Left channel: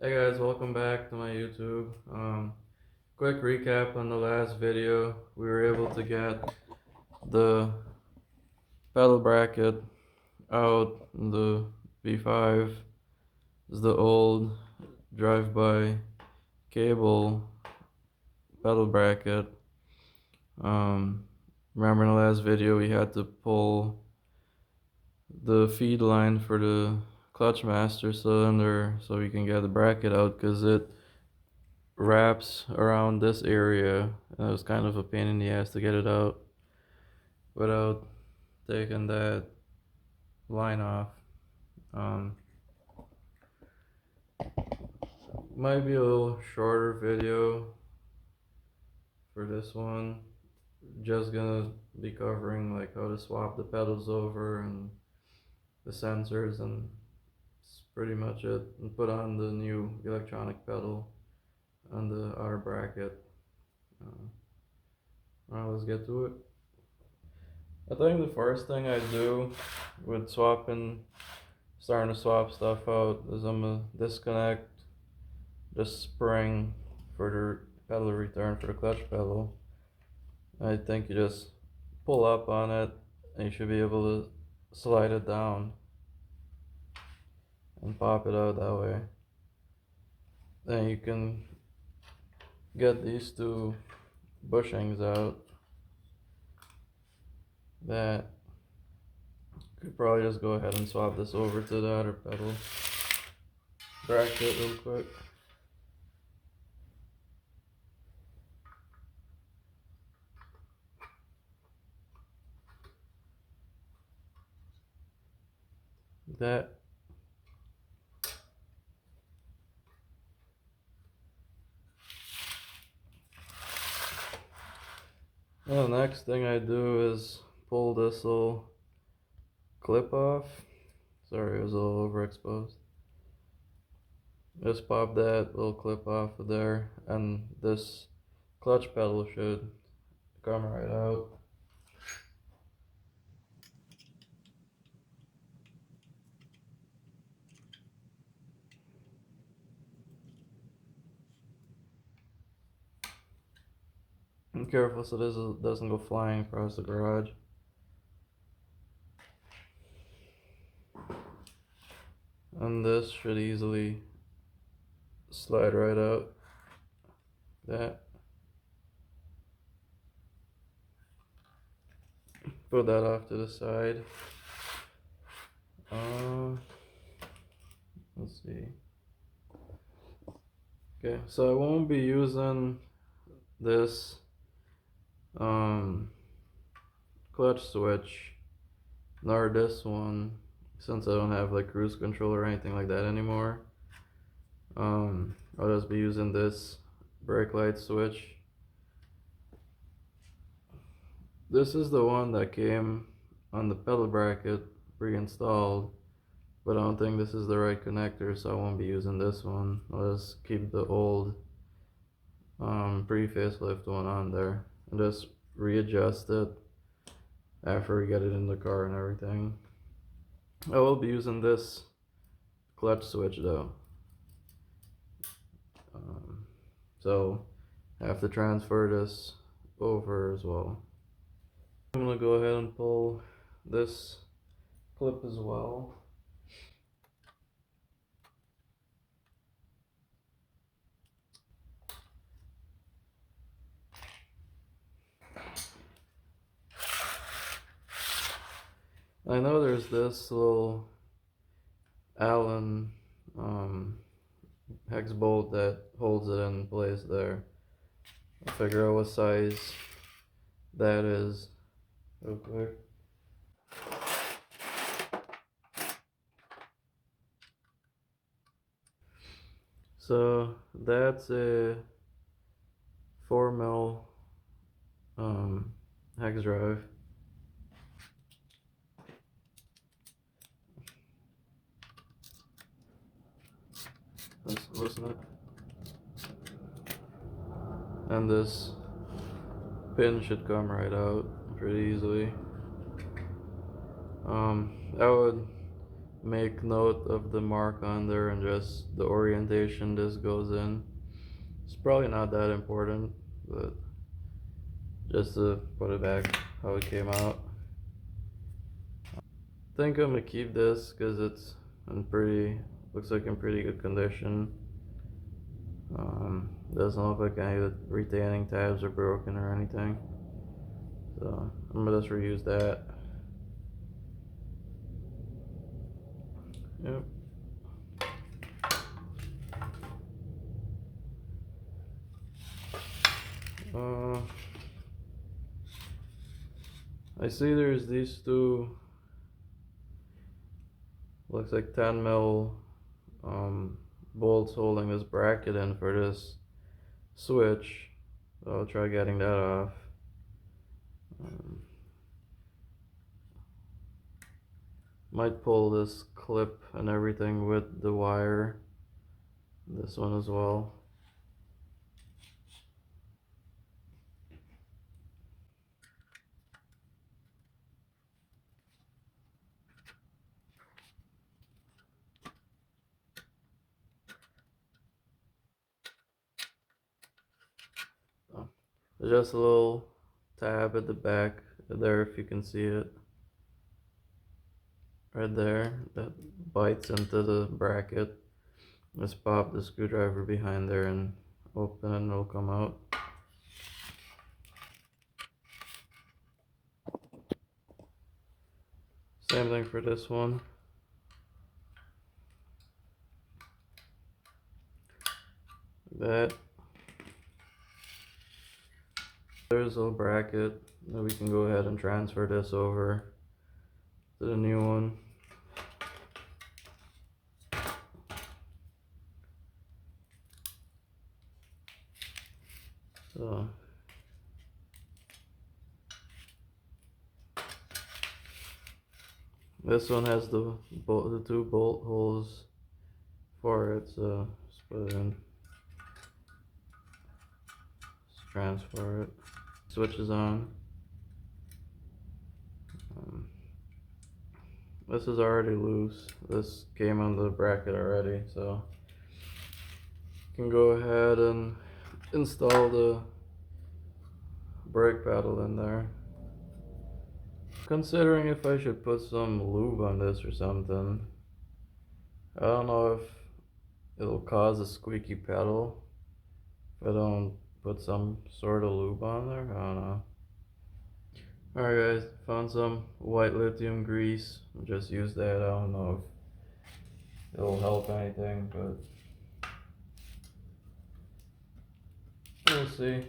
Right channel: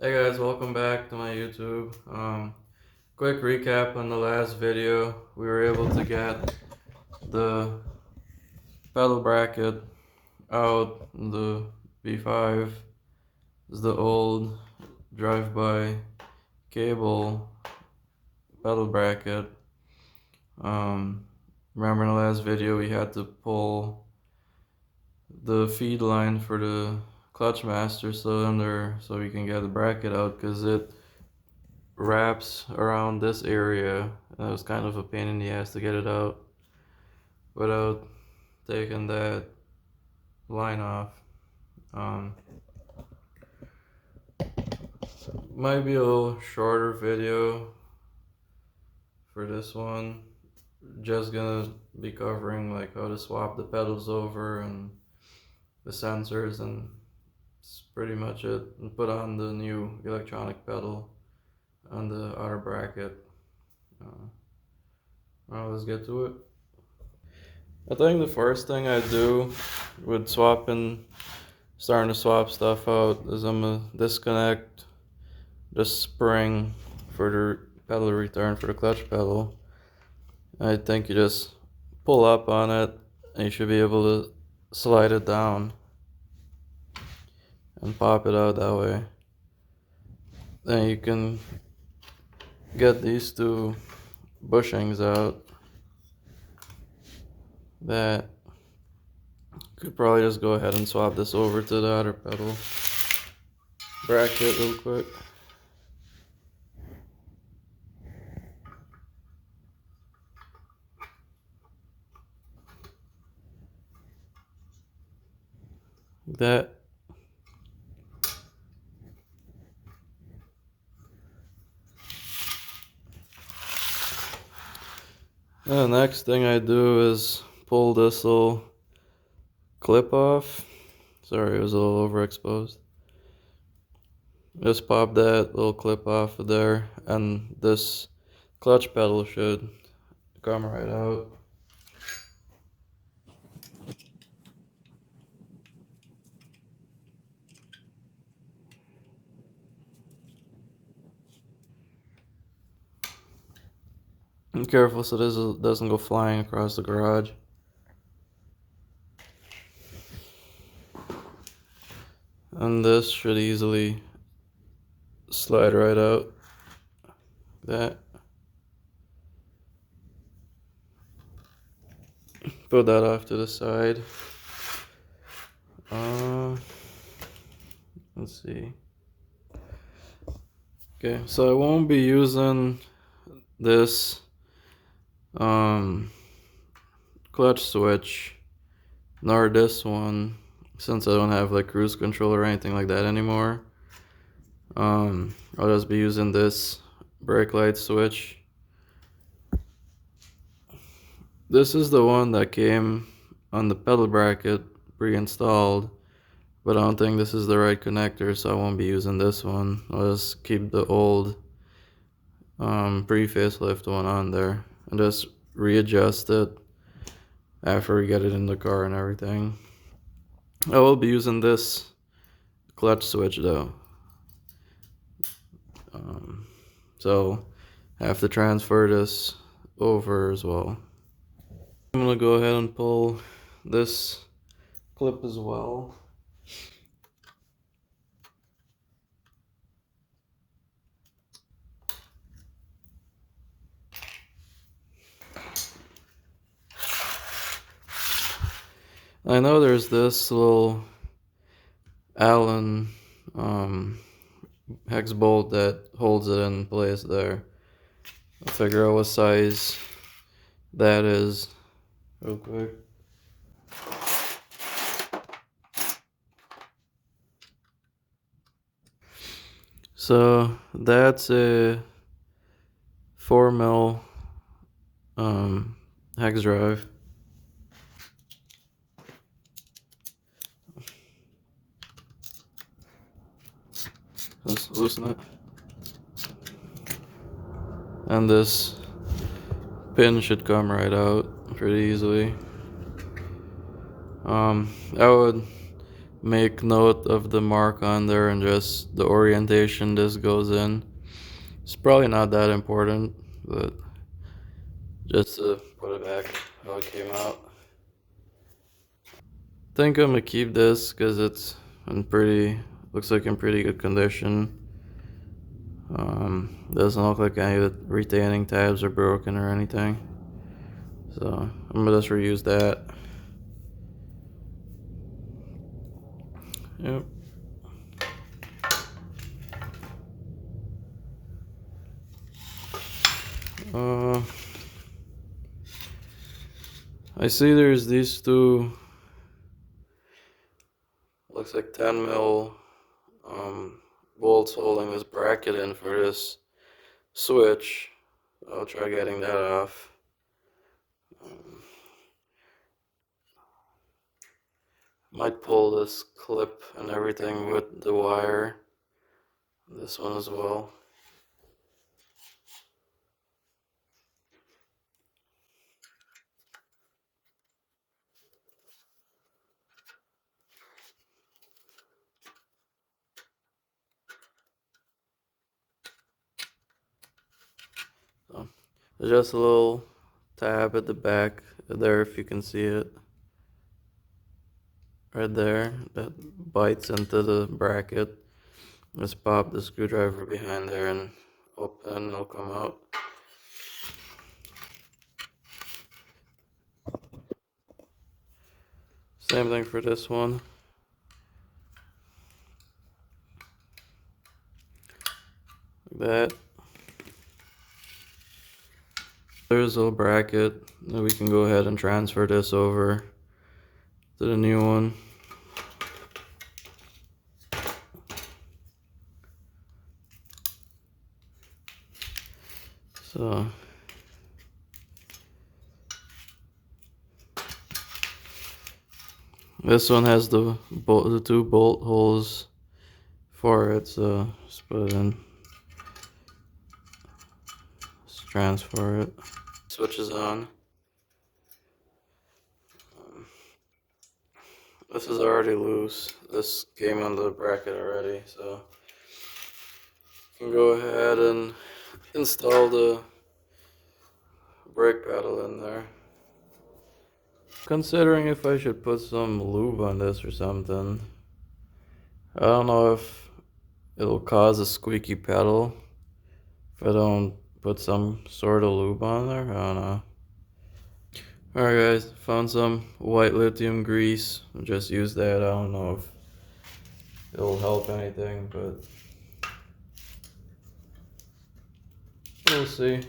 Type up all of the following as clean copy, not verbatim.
Hey guys, welcome back to my YouTube. Quick recap on the last video. We were able to get the pedal bracket out. The B5 is the old drive-by cable pedal bracket. Um, Remember in the last video we had to pull the feed line for the clutch master cylinder so we can get the bracket out because it wraps around this area, and it was kind of a pain in the ass to get it out without taking that line off. Um, Might be a little shorter video for this one. Just gonna be covering like how to swap the pedals over and the sensors, and it's pretty much it. And put on the new electronic pedal on the outer bracket. Alright, let's get to it. I think the first thing I do with starting to swap stuff out, is I'm gonna disconnect the spring for the pedal return for the clutch pedal. I think you just pull up on it and you should be able to slide it down and pop it out that way. Then you can get these two bushings out. That could probably just go ahead and swap this over to the outer pedal bracket real quick. That. And the next thing I do is pull this little clip off. Sorry, it was a little overexposed. Just pop that little clip off of there, and this clutch pedal should come right out. Be careful so this doesn't go flying across the garage. And this should easily slide right out. That. Put that off to the side. Let's see. Okay, so I won't be using this clutch switch nor this one, since I don't have like cruise control or anything like that anymore. I'll just be using this brake light switch. This is the one that came on the pedal bracket pre-installed, but I don't think this is the right connector, so I won't be using this one. I'll just keep the old pre-facelift one on there and just readjust it after we get it in the car and everything. I will be using this clutch switch though. So I have to transfer this over as well. I'm gonna go ahead and pull this clip as well. I know there's this little Allen hex bolt that holds it in place there. I'll figure out what size that is real quick. So that's a 4mm hex drive. Let's loosen it. And this pin should come right out pretty easy. I would make note of the mark on there and just the orientation this goes in. It's probably not that important, but just to put it back how it came out. I think I'm gonna keep this because it's looks like in pretty good condition. Doesn't look like any of the retaining tabs are broken or anything. So I'm gonna just reuse that. Yep. I see there's these two, looks like 10 mil bolts holding this bracket in for this switch. I'll try getting that off. Might pull this clip and everything with the wire. This one as well. So, there's just a little tab at the back there if you can see it. Right there, that bites into the bracket. Just pop the screwdriver behind there and open and it'll come out. Same thing for this one. Like that. There's a bracket. Now we can go ahead and transfer this over to the new one. So this one has the two bolt holes for it, so just put it in. Just transfer it. Switch is on. This is already loose. This came on the bracket already, so you can go ahead and install the brake pedal in there. Considering if I should put some lube on this or something. I don't know if it'll cause a squeaky pedal if I don't put some sort of lube on there. I don't know. Alright guys, found some white lithium grease. I'll just use that. I don't know if it'll help anything, but we'll see.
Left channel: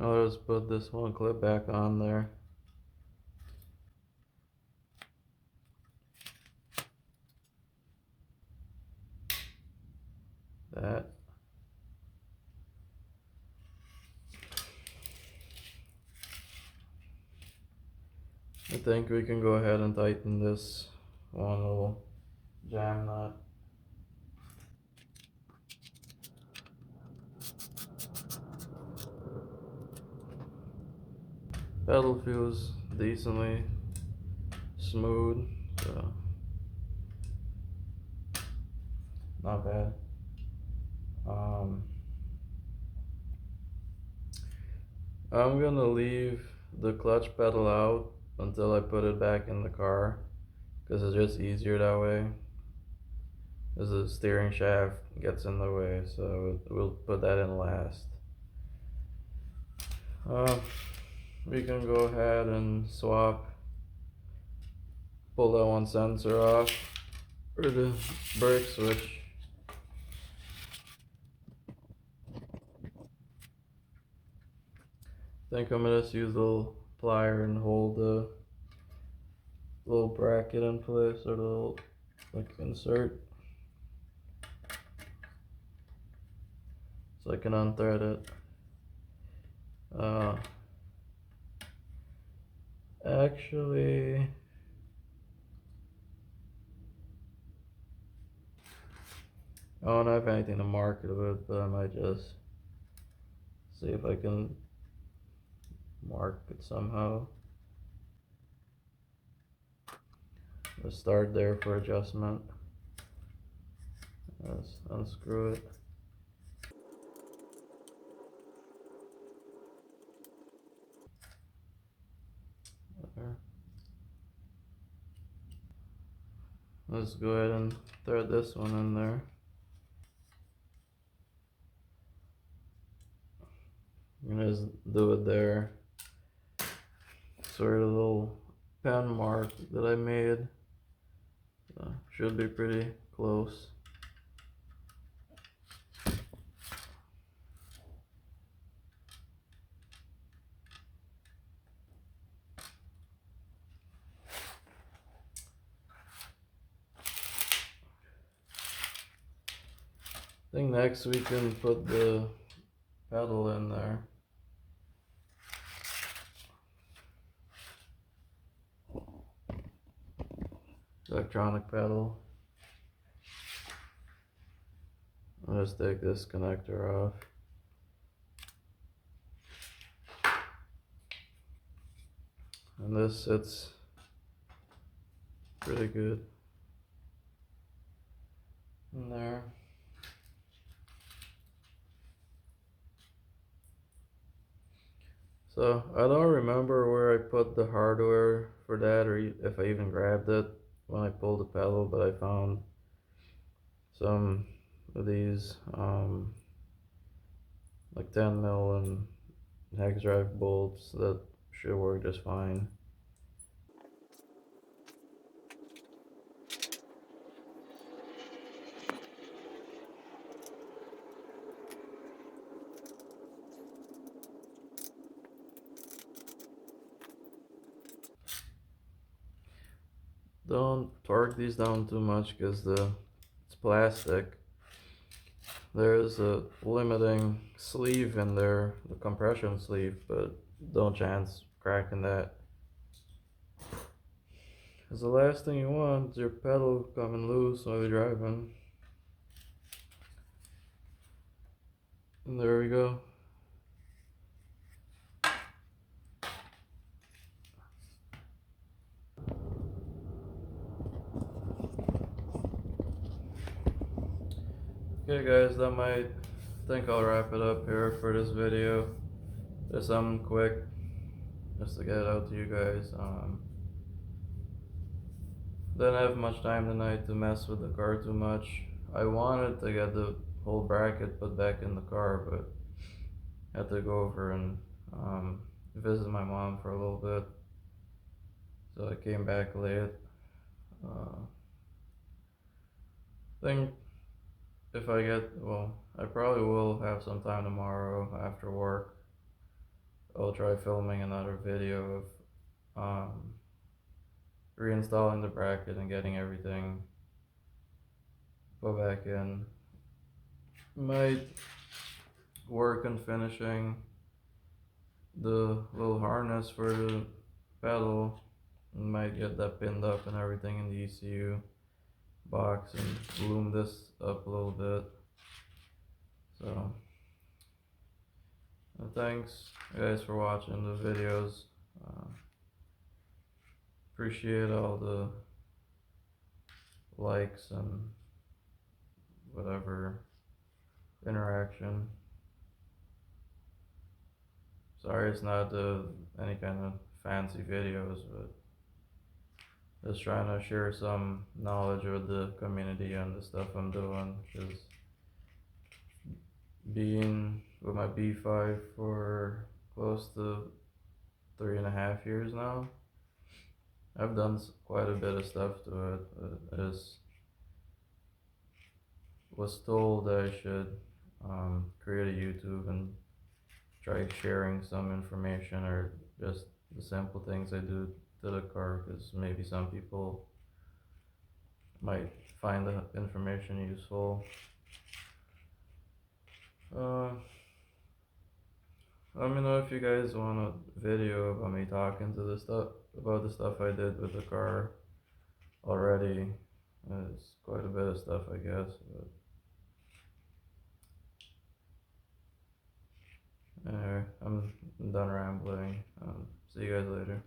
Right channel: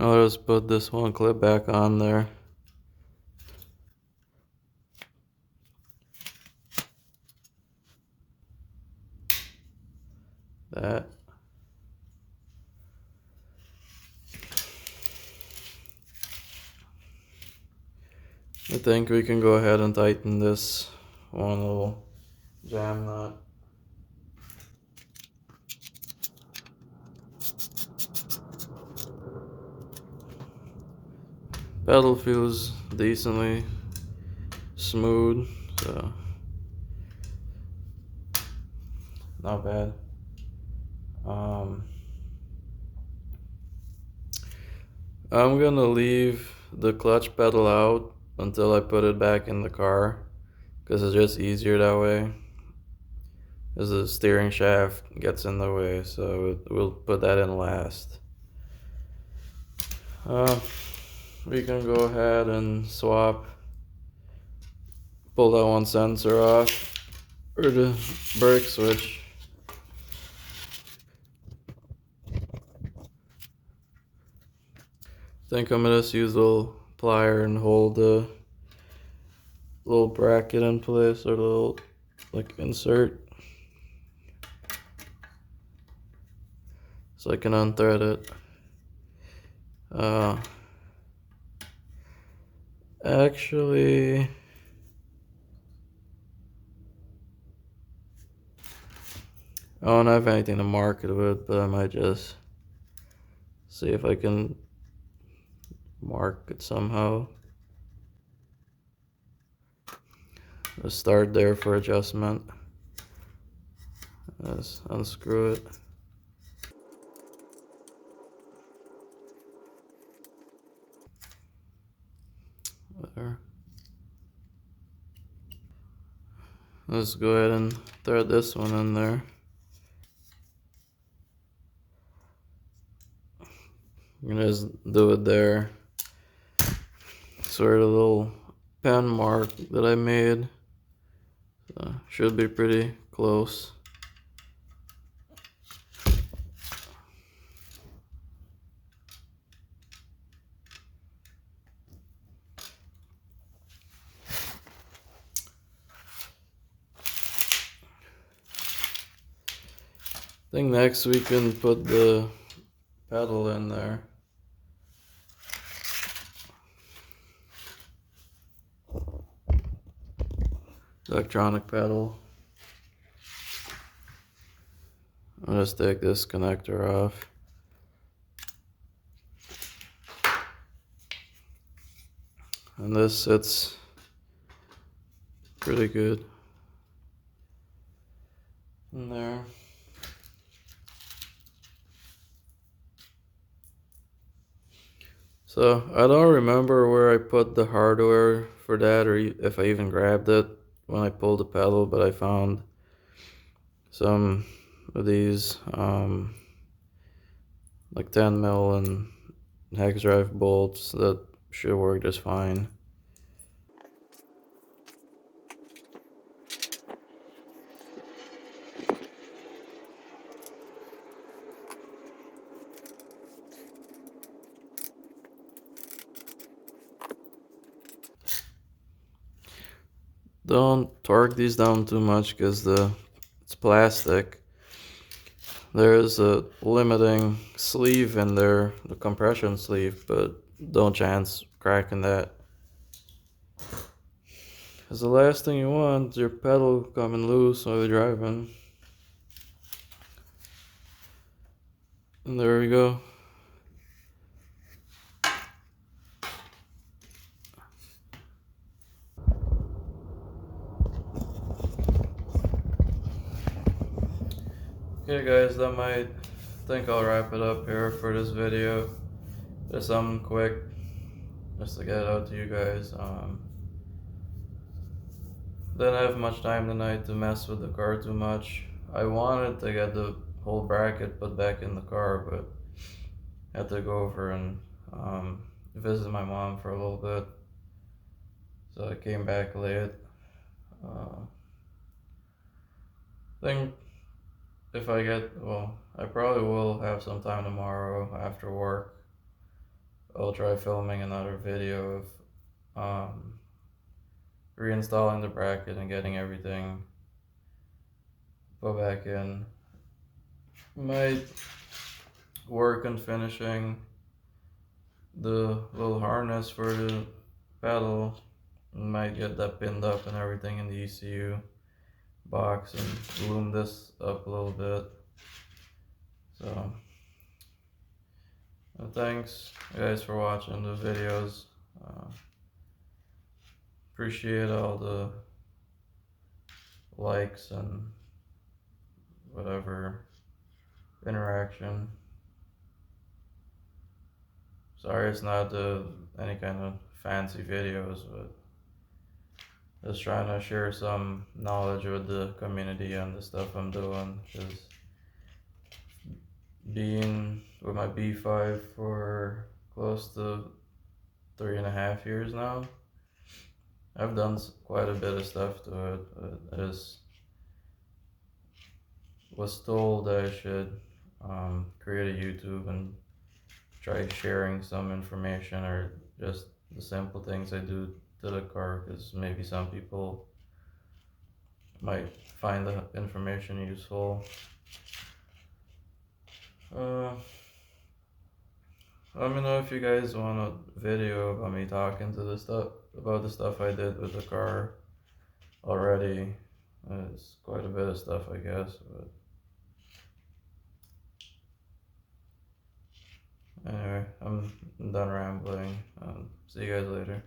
I'll just put this one clip back on there. That. I think we can go ahead and tighten this one little jam nut. Pedal feels decently smooth, so not bad. I'm gonna leave the clutch pedal out until I put it back in the car because it's just easier that way, as the steering shaft gets in the way, so we'll put that in last. We can go ahead and swap, pull that one sensor off, or the brake switch. I think I'm gonna just use a little plier and hold the little bracket in place, or the little like insert, so I can unthread it. Actually, I don't have anything to market with, but I might just see if I can mark it somehow. Let's start there for adjustment. Let's unscrew it. There. Let's go ahead and thread this one in there. I'm gonna just do it there. Sort of a little pen mark that I made. Should be pretty close. I think next we can put the pedal in there. Electronic pedal. I'll just take this connector off. And this sits pretty good in there. So I don't remember where I put the hardware for that, or if I even grabbed it when I pulled the pedal, but I found some of these like 10 mil and hex drive bolts that should work just fine. Don't torque these down too much because it's plastic. There is a limiting sleeve in there, the compression sleeve, but don't chance cracking that. Because the last thing you want is your pedal coming loose while you're driving. And there we go. Okay guys, I think I'll wrap it up here for this video. Just something quick, just to get it out to you guys. Didn't have much time tonight to mess with the car too much. I wanted to get the whole bracket put back in the car, but had to go over and visit my mom for a little bit. So I came back late. Think if I I probably will have some time tomorrow after work. I'll try filming another video of reinstalling the bracket and getting everything put back in. Might work on finishing the little harness for the pedal. Might get that pinned up and everything in the ECU box and loom this up a little bit. So thanks guys for watching the videos. Appreciate all the likes and whatever interaction. Sorry it's not any kind of fancy videos, but just trying to share some knowledge with the community and the stuff I'm doing, because being with my B5 for close to 3.5 years now, I've done quite a bit of stuff to it. I just was told I should create a YouTube and try sharing some information, or just the simple things I do to the car, because maybe some people might find the information useful. Let me know if you guys want a video about me talking to about the stuff I did with the car already. It's quite a bit of stuff, I guess, but I'm done rambling. See you guys later.